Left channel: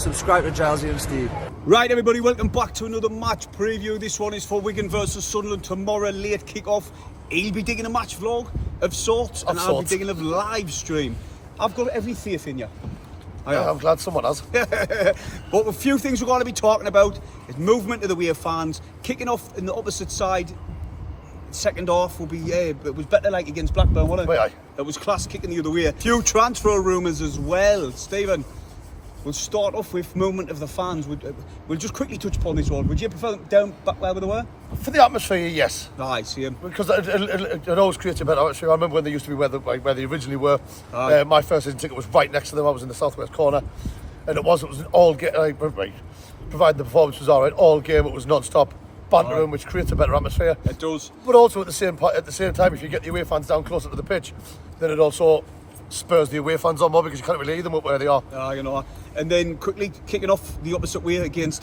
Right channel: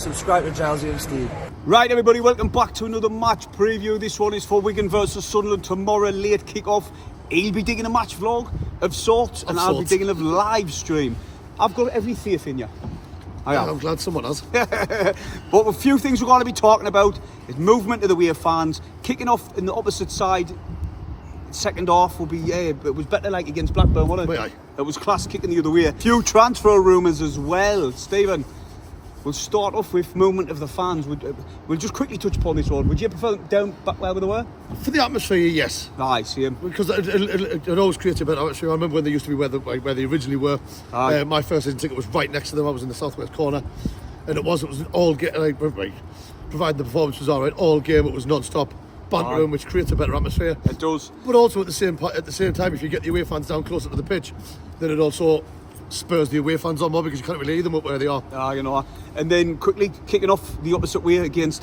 subscribe to Drowsy and Steve. Right, everybody, welcome back to another match preview. This one is for Wigan versus Sunderland tomorrow, late kick-off. He'll be digging a match vlog of sorts, and I'll be digging a live stream. I've got every faith in you. I'm glad someone has. But a few things we're going to be talking about is movement of the away fans, kicking off in the opposite side. Second half will be, it was better like against Blackburn, wasn't it? It was class kicking the other way. A few transfer rumours as well. Stephen, we'll start off with movement of the fans. We'll just quickly touch upon this one. Would you prefer down back where they were? For the atmosphere, yes. Aye, same. Because it always creates a better atmosphere. I remember when they used to be where they originally were. My first season ticket was right next to them. I was in the southwest corner, and it was an all game. Provided the performance was all right, all game it was non-stop bantering, which creates a better atmosphere. It does. But also at the same time, if you get the away fans down closer to the pitch, then it also spurs the away fans on more because you can't really hear them up where they are. And then quickly kicking off the opposite way against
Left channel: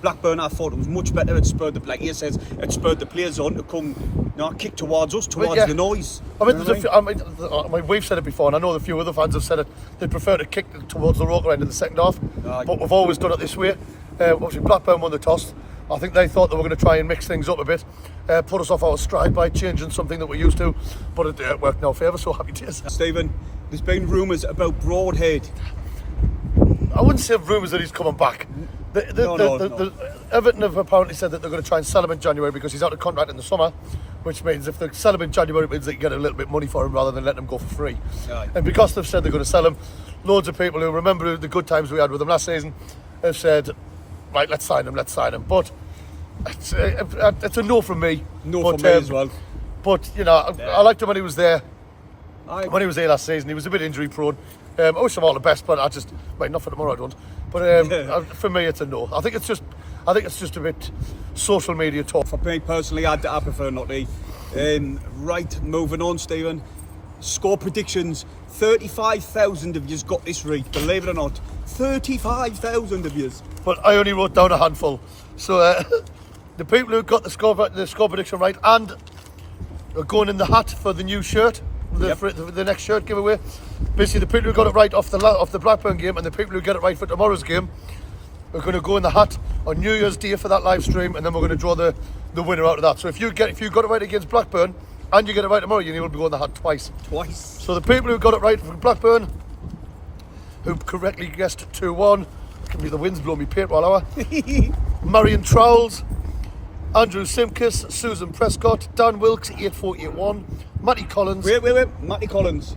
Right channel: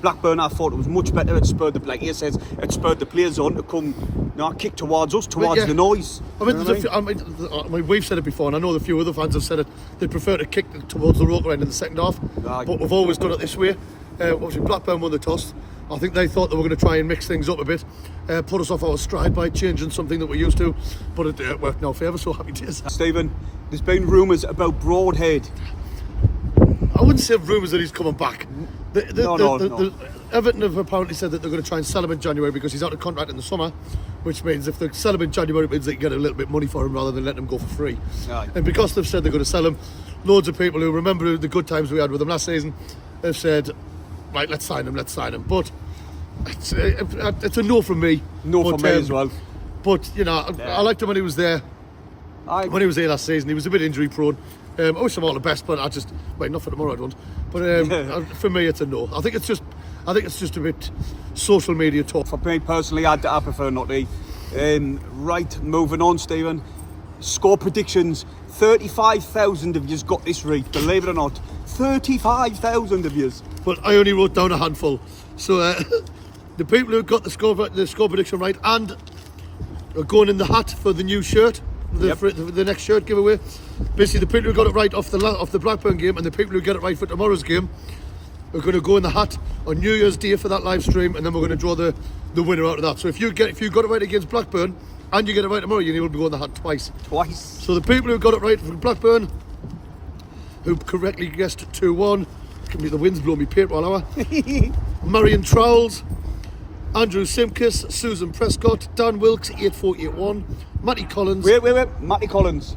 Blackburn, I thought it was much better. It spurred it spurred the players on to come, kick towards us, towards the noise. We've said it before, and I know a few other fans have said it. They prefer to kick towards the Roker end in the second half, but we've always done it this way. Obviously, Blackburn won the toss. I think they thought they were going to try and mix things up a bit, put us off our stride by changing something that we're used to, but it worked in our favour, so happy days. Stephen, there's been rumours about Broadhead. I wouldn't say rumours that he's coming back. No. Everton have apparently said that they're going to try and sell him in January because he's out of contract in the summer, which means if they sell him in January, it means they can get a little bit of money for him rather than letting him go for free. And because they've said they're going to sell him, loads of people who remember the good times we had with him last season have said, right, let's sign him. But it's a no from me. No from me as well. But, I liked him when he was there. When he was there last season, he was a bit injury prone. I wish him all the best, but not for tomorrow I don't. But for me, it's a no. I think it's just a bit social media talk. For me personally, I prefer not to. Right, moving on, Stephen. Score predictions. 35,000 of you's got this right, believe it or not. 35,000 of you's. But I only wrote down a handful. So the people who got the score prediction right and are going in the hat for the new shirt, for the next shirt giveaway. Basically, the people who got it right off the Blackburn game and the people who get it right for tomorrow's game are going to go in the hat on New Year's Day for that live stream, and then we're going to draw the winner out of that. So if you got it right against Blackburn and you get it right tomorrow, you will be going the hat twice. So the people who got it right for Blackburn, who correctly guessed 2-1, can be the wind's blowing me paper all hour. Marion Trowles, Andrew Simkis, Susan Prescott, Dan Wilkes, 8481, Matty Collins. Wait, Matty Collins.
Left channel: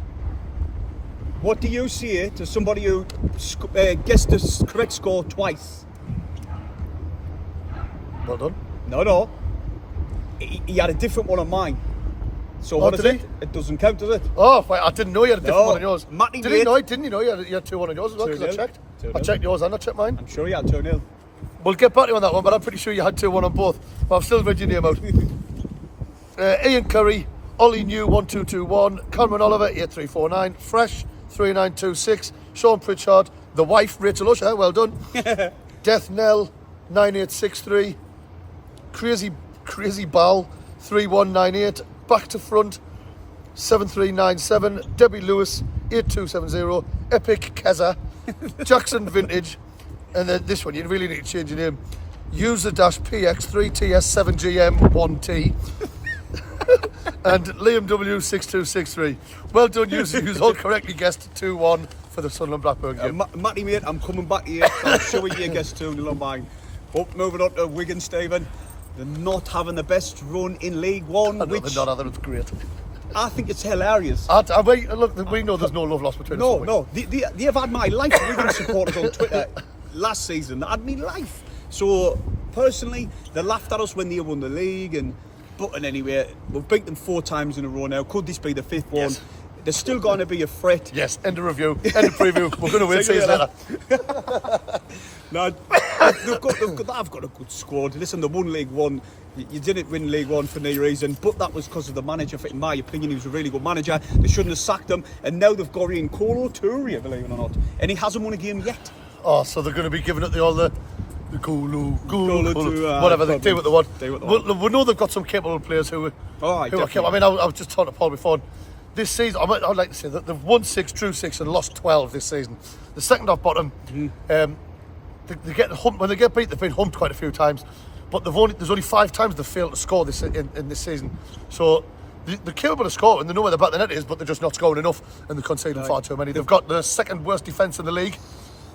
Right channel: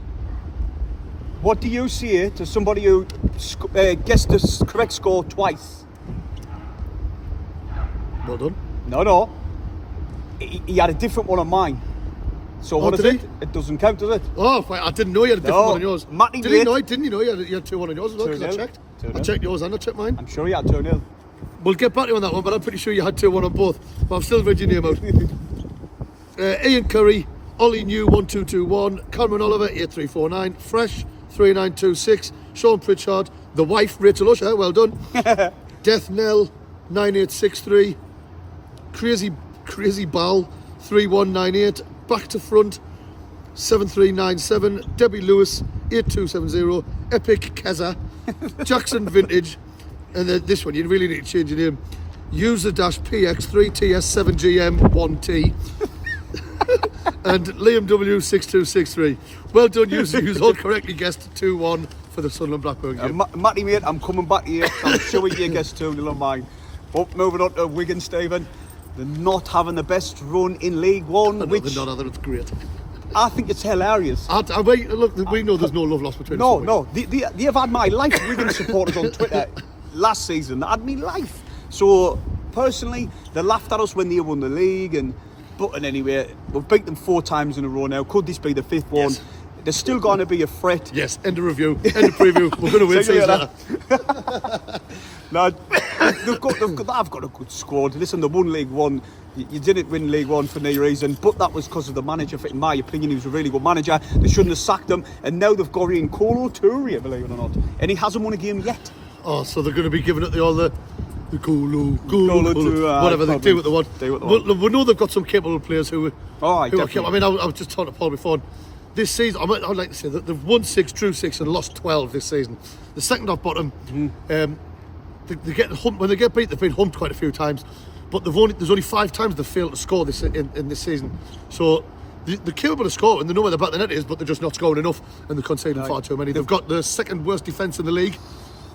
What do you say to somebody who guessed the correct score twice? Well done. No. He had a different one on mine. So what is it? It doesn't count, does it? Oh, I didn't know you had a different one on yours. Matty didn't you know you had 2-1 on yours as well? Because I checked. I checked yours and I checked mine. I'm sure you had 2-0. We'll get back to you on that one, but I'm pretty sure you had 2-1 on both. But I've still read your name out. Ian Curry, Ollie New 1221, Cameron Oliver 8349, Fresh 3926, Sean Pritchard, the wife Rachel Usher, well done. Death Nell 9863, Crazy Bal 3198, Back to Front 7397, Debbie Lewis 8270, Epic Keza, Jackson Vintage, and then this one you really need to change your name. User-PX3TS7GM1T and Liam W6263. Well done, you all correctly guessed 2-1 for the Sunderland Blackburn game. Matty mate, I'm coming back here. I'm sure you guessed 2-0 on mine. But moving on to Wigan, Stephen. They're not having the best run in League One. I know they're not, it's great. I think it's hilarious. Look, we know there's no love lost between us. No. They have had my life. Wigan supporters on Twitter last season. They had me life. So, personally, they laughed at us when they won the league. But anyway, we've beat them 4 times in a row now. Could this be the 5th one? Yes. There's still going to be a threat. Yes, end of review, end of preview. We're going to win season later. No, they've got a good squad. Listen, they won League One. You didn't win League One for no reason, but that was because of the manager. In my opinion, he was a really good manager. They shouldn't have sacked him. And now they've got in Colo Touria, believe it or not. And he hasn't won a game yet. Oh, so they're going to be giving it all the Colo, whatever they do what they want. We know they've got some capable players who are capable. I mean, I was just talking to Paul before. This season, I would like to say that they've won 6, drew 6 and lost 12 this season. The second off bottom, they get humped. When they get beat, they've been humped quite a few times. But there's only 5 times they've failed to score in this season. So they're capable of scoring. They know where the back of the net is, but they're just not scoring enough, and they're conceding far too many. They've got the second worst defence in the league.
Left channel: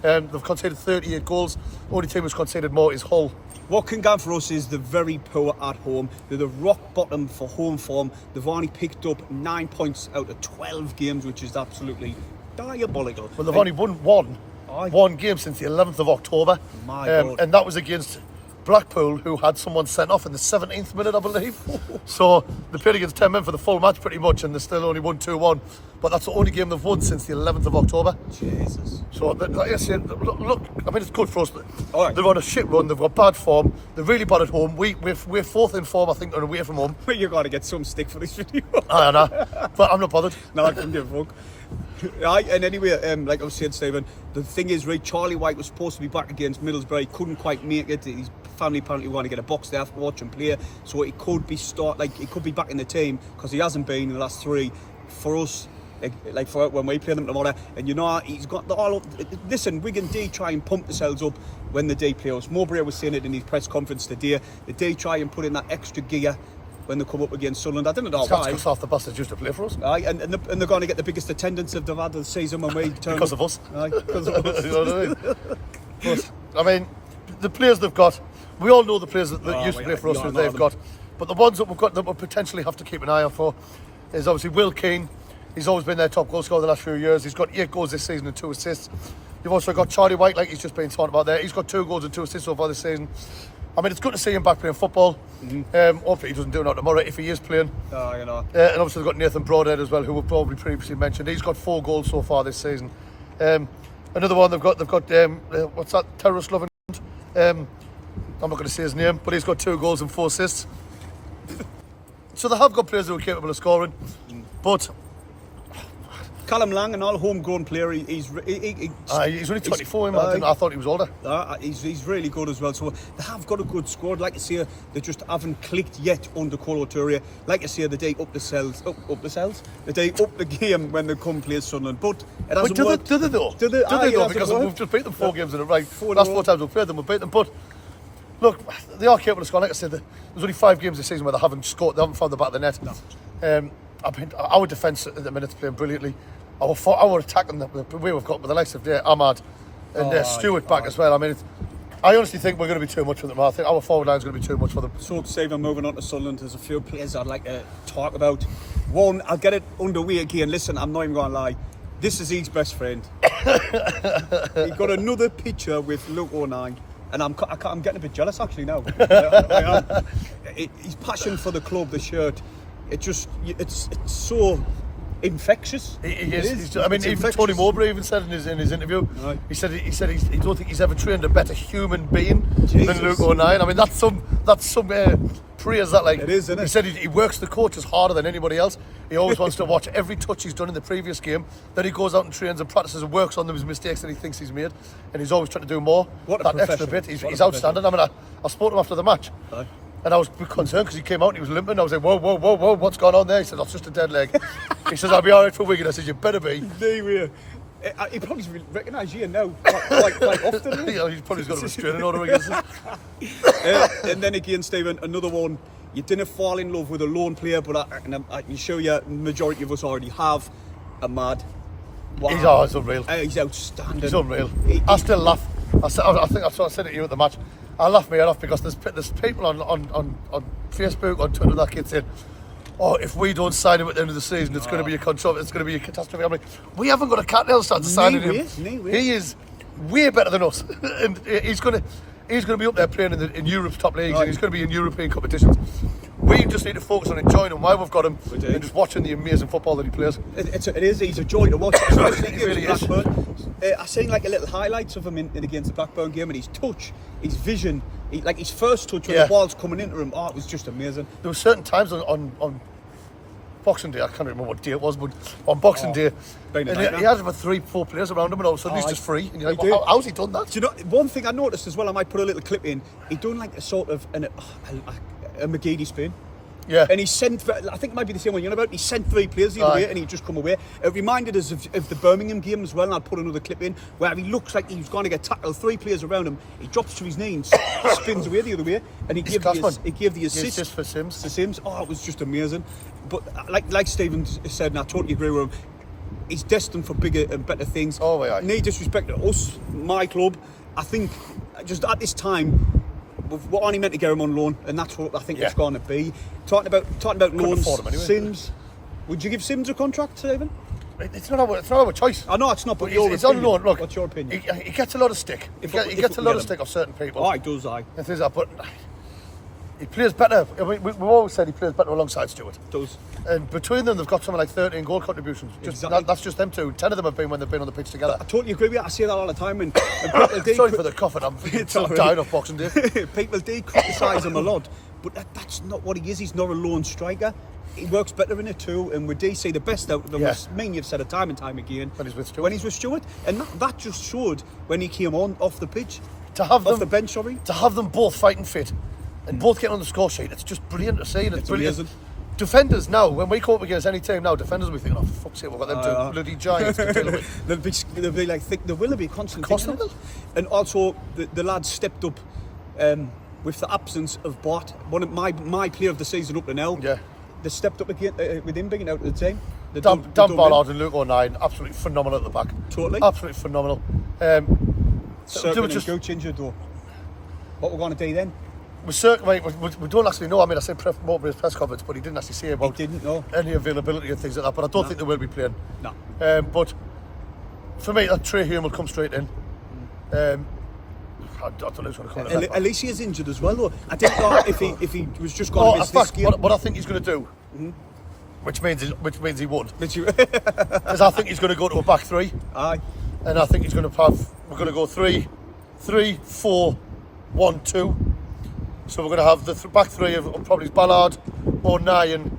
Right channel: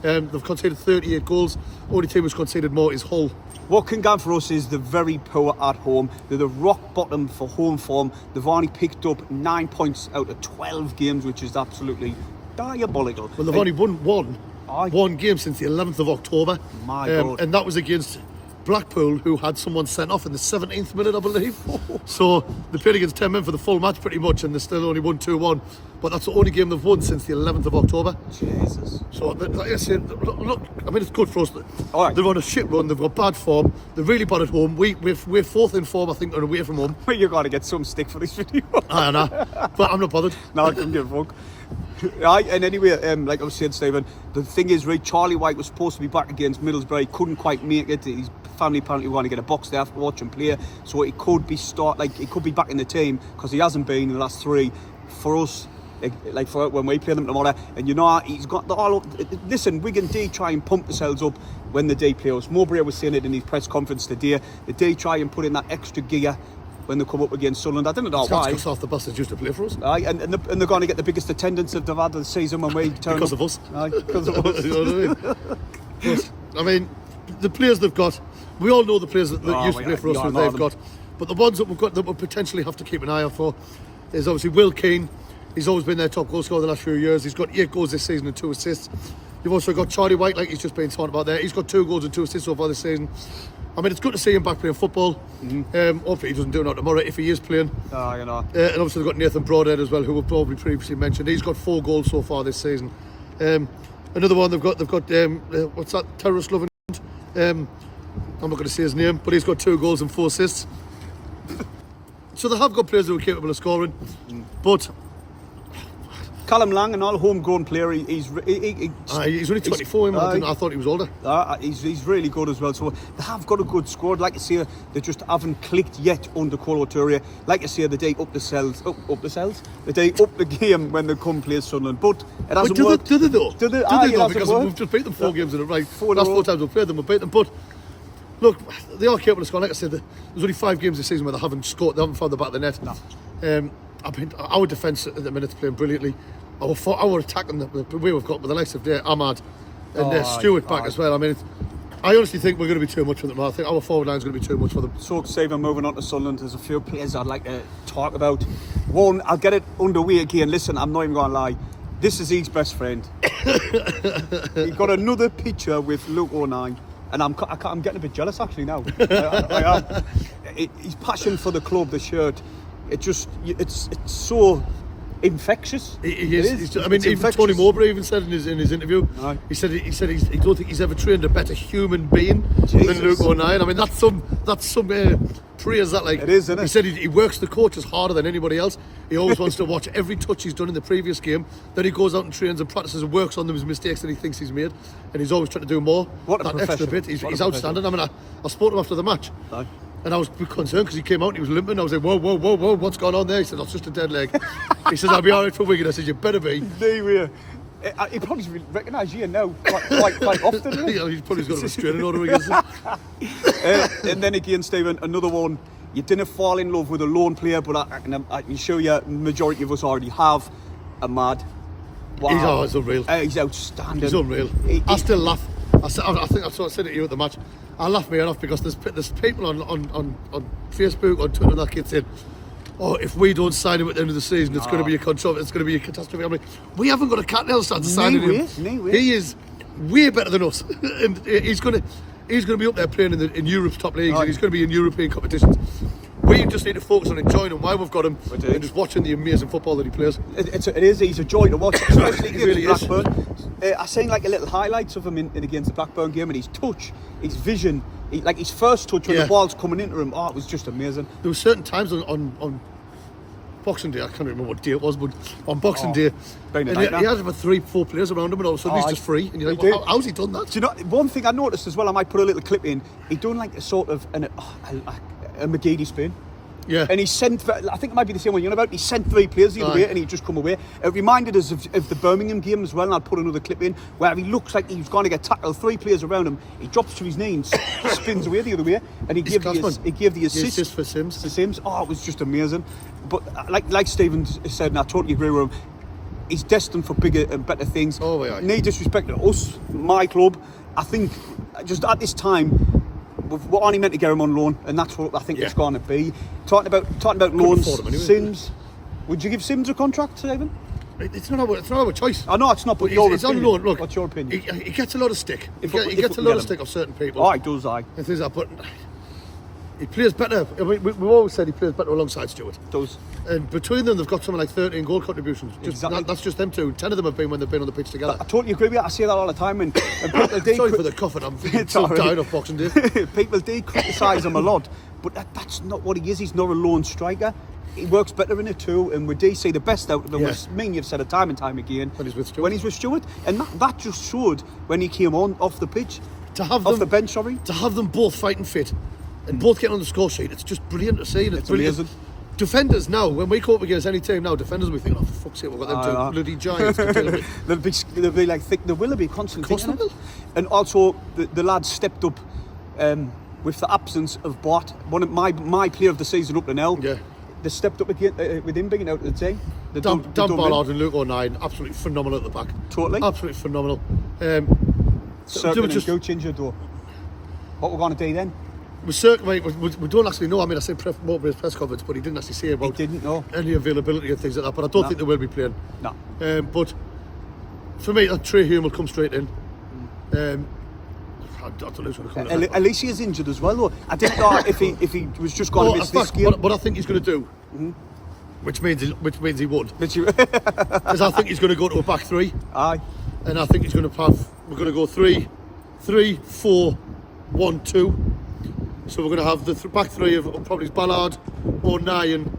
They've conceded 38 goals. Only team who's conceded more is Hull. What can go for us is they're very poor at home. They're the rock bottom for home form. They've only picked up 9 points out of 12 games, which is absolutely diabolical. Well, they've only won one game since the 11th of October. My God. And that was against Blackpool, who had someone sent off in the 17th minute, I believe. So they played against 10 men for the full match pretty much, and they still only won 2-1. But that's the only game they've won since the 11th of October. Jesus. So, look, I mean, it's good for us. All right. They're on a shit run, they've got bad form, they're really bad at home. We're fourth in form, I think, and away from home. But you've got to get some stick for this video. I know, but I'm not bothered. No, I couldn't give a fuck. Right, and anyway, like I was saying, Stephen, the thing is, right, Charlie White was supposed to be back against Middlesbrough, couldn't quite make it. His family apparently wanted to get a box there after watch him play, so he could be back in the team, because he hasn't been in the last 3. For us, like for when we play them tomorrow, and you know, he's got the all. Listen, Wigan do try and pump themselves up when the D play us. Mowbray was saying it in his press conference today. They do try and put in that extra gear when they come up against Sunderland. I don't know why. Because half the bastards used to play for us. Aye, and they're going to get the biggest attendance they've had this season when we turn Because of us. Aye, because of us. You know what I mean? But, I mean, the players they've got, we all know the players that used to play for us who they've got. But the ones that we've got that we'll potentially have to keep an eye out for is obviously Will Keane. He's always been their top goal scorer the last few years. He's got 8 goals this season and 2 assists. You've also got Charlie White, like he's just been talking about there. He's got 2 goals and 2 assists so far this season. I mean, it's good to see him back playing football. Hopefully he doesn't do it tomorrow if he is playing. Oh, you know. And obviously they've got Nathan Broadhead as well, who we've probably previously mentioned. He's got 4 goals so far this season. Another one they've got what's that, terrorist loving? I'm not going to say his name, but he's got 2 goals and 4 assists. So they have got players who are capable of scoring, but Callum Lang, an all homegrown player, he's only 24. I thought he was older. He's really good as well. So they have got a good squad. Like I say, they just haven't clicked yet under Colo Touré. Like I say, they day up the cells. They day up the game when they come play Sunderland. But it hasn't worked. Do they though? Do they though? Because we've just beat them 4 games in a row. Last 4 times we've played them, we've beat them. But look, they are capable of scoring. Like I said, there's only 5 games this season where they haven't scored. They haven't found the back of the net. No. Our defence at the minute is playing brilliantly. Our attacking the way we've got with the likes of Ahmad and Stewart back as well. I mean, I honestly think we're going to be too much for them. I think our forward line is going to be too much for them. So, Stephen, moving on to Sunderland, there's a few players I'd like to talk about. One, I'll get it underway again. Listen, I'm not even going to lie. This is his best friend. He got another picture with Luke 09. And I'm getting a bit jealous actually now. I am. His passion for the club, the shirt, it's so infectious. He is. I mean, even Tony Mowbray even said in his interview, he said he don't think he's ever trained a better human being than Luke 09. I mean, that's some praise that, like. It is, isn't it? He said he works the coaches harder than anybody else. He always wants to watch every touch he's done in the previous game. Then he goes out and trains and practices and works on those mistakes that he thinks he's made, and he's always trying to do more. What a extra bit. He's outstanding. I mean, I spoke to him after the match. And I was concerned because he came out and he was limping. I was like, whoa, what's going on there? He said, that's just a dead leg. He says, I'll be all right for Wigan. I said, you better be. He probably recognise you now quite often. Yeah, he's probably got a restraining order against him. And then again, Stephen, another one. You didn't fall in love with a lone player, but I can show you, majority of us already have. Ahmad. Wow. He's unreal. He's outstanding. He's unreal. I still laugh. I think I said it to you at the match. I laugh my head off because there's people on Facebook, on Twitter that keep saying, oh, if we don't sign him at the end of the season, it's going to be a controversy, it's going to be a catastrophe. I'm like, we haven't got a cat nail stand to sign him. He is way better than us. And he's going to be up there playing in Europe's top leagues, and he's going to be in European competitions. We just need to focus on enjoying him while we've got him and just watching the amazing football that he plays. He's a joy to watch, especially against really Blackburn. I seen like a little highlights of him in against the Blackburn game, and his touch, his vision, like his first touch when the ball's coming into him, it was just amazing. There were certain times on Boxing Day, I can't remember what day it was, but on Boxing Day, and he had about 3-4 players around him, and all of a sudden he's just free. And you're like, how's he done that? Do you know, one thing I noticed as well, I might put a little clip in, he done like a sort of a McGeady spin. Yeah. And he sent, I think it might be the same one you're on about, he sent 3 players the other way and he just come away. It reminded us of the Birmingham game as well, and I'll put another clip in, where he looks like he was going to get tackled, 3 players around him, he drops to his knee and spins away the other way, and he gave the assist for Sims. To Sims. Oh, it was just amazing. But like Stephen said, and I totally agree with him, he's destined for bigger and better things. Oh, yeah. No disrespect to us, my club. I think just at this time, we're only meant to get him on loan, and that's what I think it's going to be. Talking about loans, anyway. Sims. Would you give Sims a contract, Stephen? It's not our choice. I know it's not, but your it's opinion. on loan. Look, what's your opinion? He gets a lot of stick. He gets a lot of stick off certain people. Oh, he does, aye. And things like that, but he plays better. I mean, we've always said he plays better alongside Stewart. Does. And between them, they've got something like 13 goal contributions. Exactly. That's just them two. 10 of them have been when they've been on the pitch together. I totally agree with you. I say that all the time. And people do. Sorry for the coughing. I'm dying of Boxing Day. People do criticise him a lot, but that's not what he is. He's not a lone striker. He works better in a two, and we do see the best out of him. I mean, you've said it time and time again. When he's with Stewart. And that just showed when he came on off the pitch, off the bench, sorry. To have them both fighting fit and both getting on the score sheet, it's just brilliant to see. It's brilliant. Amazing. Defenders now, when we come up against any team now, defenders will be thinking, oh, for fuck's sake, we've got them two bloody giants to deal with. They'll be like, there will be constantly. And also, the lads stepped up with the absence of Bart, one of my player of the season up to now. Yeah. They stepped up again with him being out of the team. Dan Ballard and Luke O'Neill, absolutely phenomenal at the back. Totally. Absolutely phenomenal. Certainly and go change your door. What we're going to do then? We don't actually know. I mean, I said more about his press conference, but he didn't actually say about any availability and things like that. But I don't think they will be playing. No. But for me, that Trey Hume will come straight in. I don't know who's going to come in. Alicia's injured as well, though. I didn't know if he was just going to miss this game. What I think he's going to do, which means he won't, is I think he's going to go to a back 3. Aye. And I think he's going to we're going to go 3-4-1-2. So we're going to have the back 3 of probably Ballard, O'Neill and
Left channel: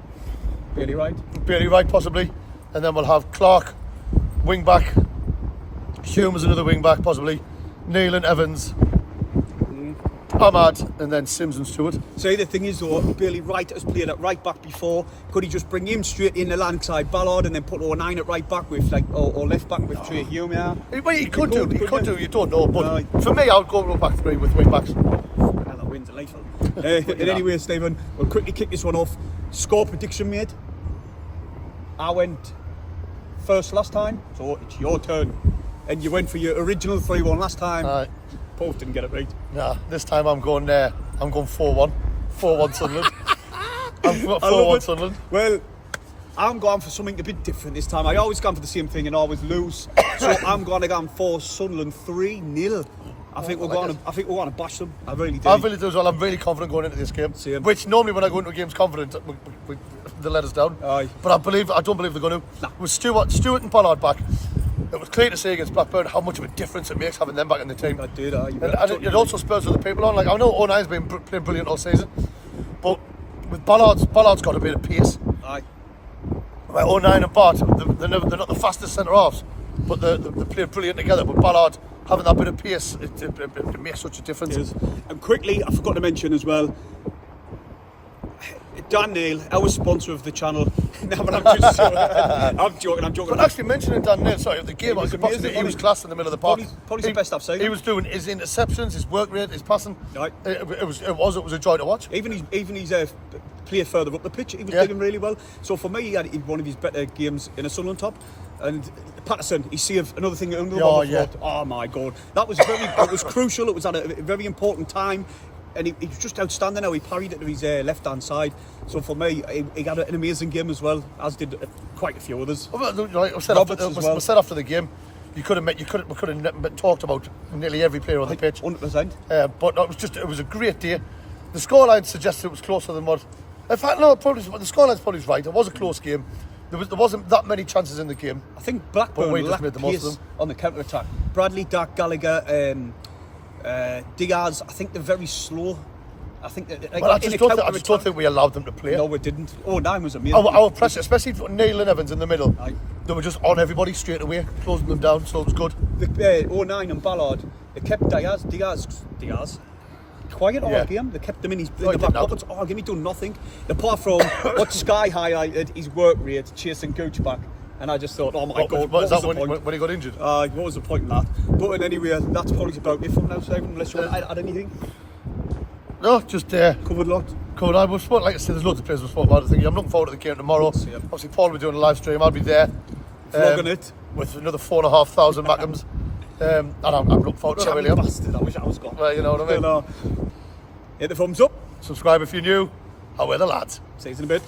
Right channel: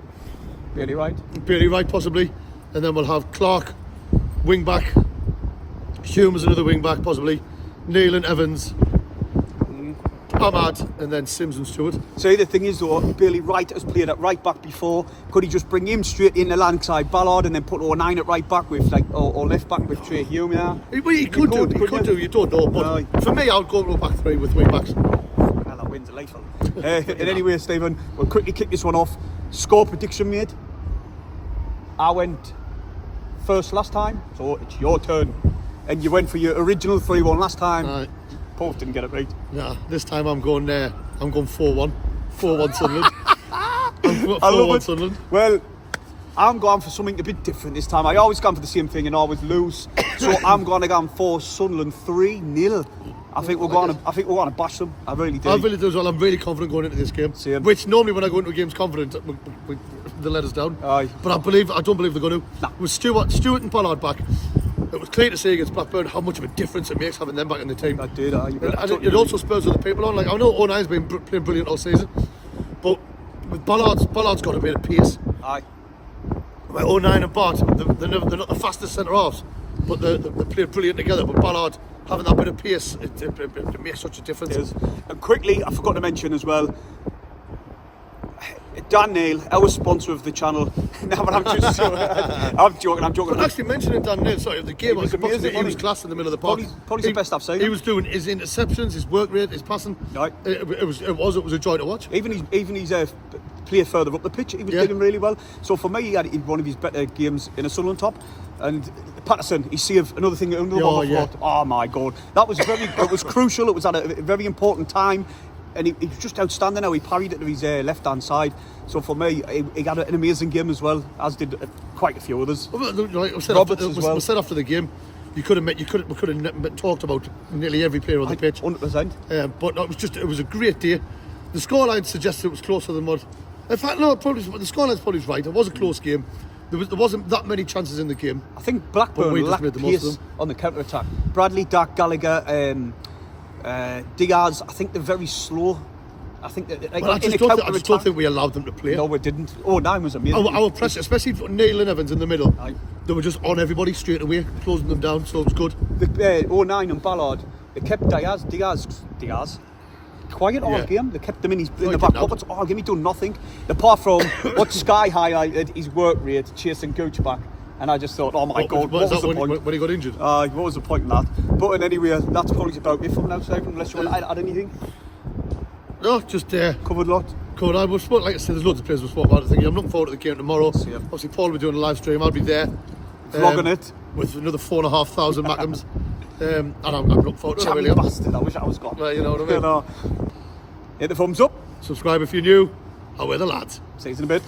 Bailey Wright possibly, and then we'll have Clark wing back, Hume as another wing back possibly, Neil and Evans, Ahmad, and then Sims and Stewart. So the thing is though, Bailey Wright has played at right back before. Could he just bring him straight in alongside Ballard and then put O'Neill at right back with or left back with Trey Hume? Yeah. He could do. You don't know, but for me, I'll go to a back 3 with wing backs. Delightful. Anyway, Stephen, we'll quickly kick this one off. Score prediction made. I went first last time, so it's your turn. And you went for your original 3-1 last time. Both didn't get it right. Nah, this time I'm going 4-1. 4-1 Sunderland. I'm 4-1 Sunderland. Well, I'm going for something a bit different this time. I always go for the same thing and always lose. So I'm going to go for Sunderland 3-0. I think we're going to bash them. I really do. I really do as well. I'm really confident going into this game. Same. Which normally when I go into a game's confident, they let us down. Aye. But I don't believe they're going to. Nah. With Stewart and Ballard back, it was clear to see against Blackburn how much of a difference it makes having them back in the team. I did. And it also spurs other people on. Like I know O'Neill's been playing brilliant all season, but with Ballard's got a bit of pace. Aye. Like O'Neill and Bart, they're not the fastest centre halves, but they play brilliant together. But Ballard having that bit of pace, it makes such a difference. And quickly, I forgot to mention as well, Dan Neil, our sponsor of the channel. No, but I'm joking. But actually mentioning Dan Neil, sorry, the game, he was class in the middle of the park. Probably the best I've seen. He was doing his interceptions, his work rate, his passing. Right. It was a joy to watch. Even his play further up the pitch, he was doing really well. So for me, he had one of his better games in a Sunderland top. And Patterson, he saved another thing under the ball. Oh my God, that was it was crucial. It was at a very important time. And he was just outstanding how he parried it to his left-hand side. So for me, he had an amazing game as well, as did quite a few others. We said after the game, we could have talked about nearly every player on the pitch. 100%. But it was a great day. The scoreline suggested it was closer than what. In fact, no, the scoreline's probably right. It was a close game. There wasn't that many chances in the game. I think Blackburn lacked pace on the counter-attack. Bradley, Dark, Gallagher, Diaz, I think they're very slow. I think that I just don't think we allowed them to play. No, we didn't. O'Neill was amazing. Our press, especially for Neil and Evans in the middle, they were just on everybody straight away, closing them down, so it was good. O'Neill and Ballard, they kept Diaz. quiet all Yeah. game. They kept him in Oh, the he back didn't have pockets all game. He done nothing. Apart from what this guy highlighted, his work rate, chasing Gooch back. And I just thought, oh my God, what was the point? When he got injured? What was the point in that? But anyway, that's probably about it from now, Simon, unless you want to add anything. No, just Covered a lot. cool. I was like I said, there's loads of players we've spoken about. I think I'm looking forward to the game tomorrow. See ya. Obviously, Paul will be doing a live stream. I'll be there. Vlogging it. With another 4,500 Mackhams. And I'm looking forward to it. I really am. Bastard, I wish I was gone. Well, you know what I mean. Hit the thumbs up. Subscribe if you're new. How are the lads? See you in a bit.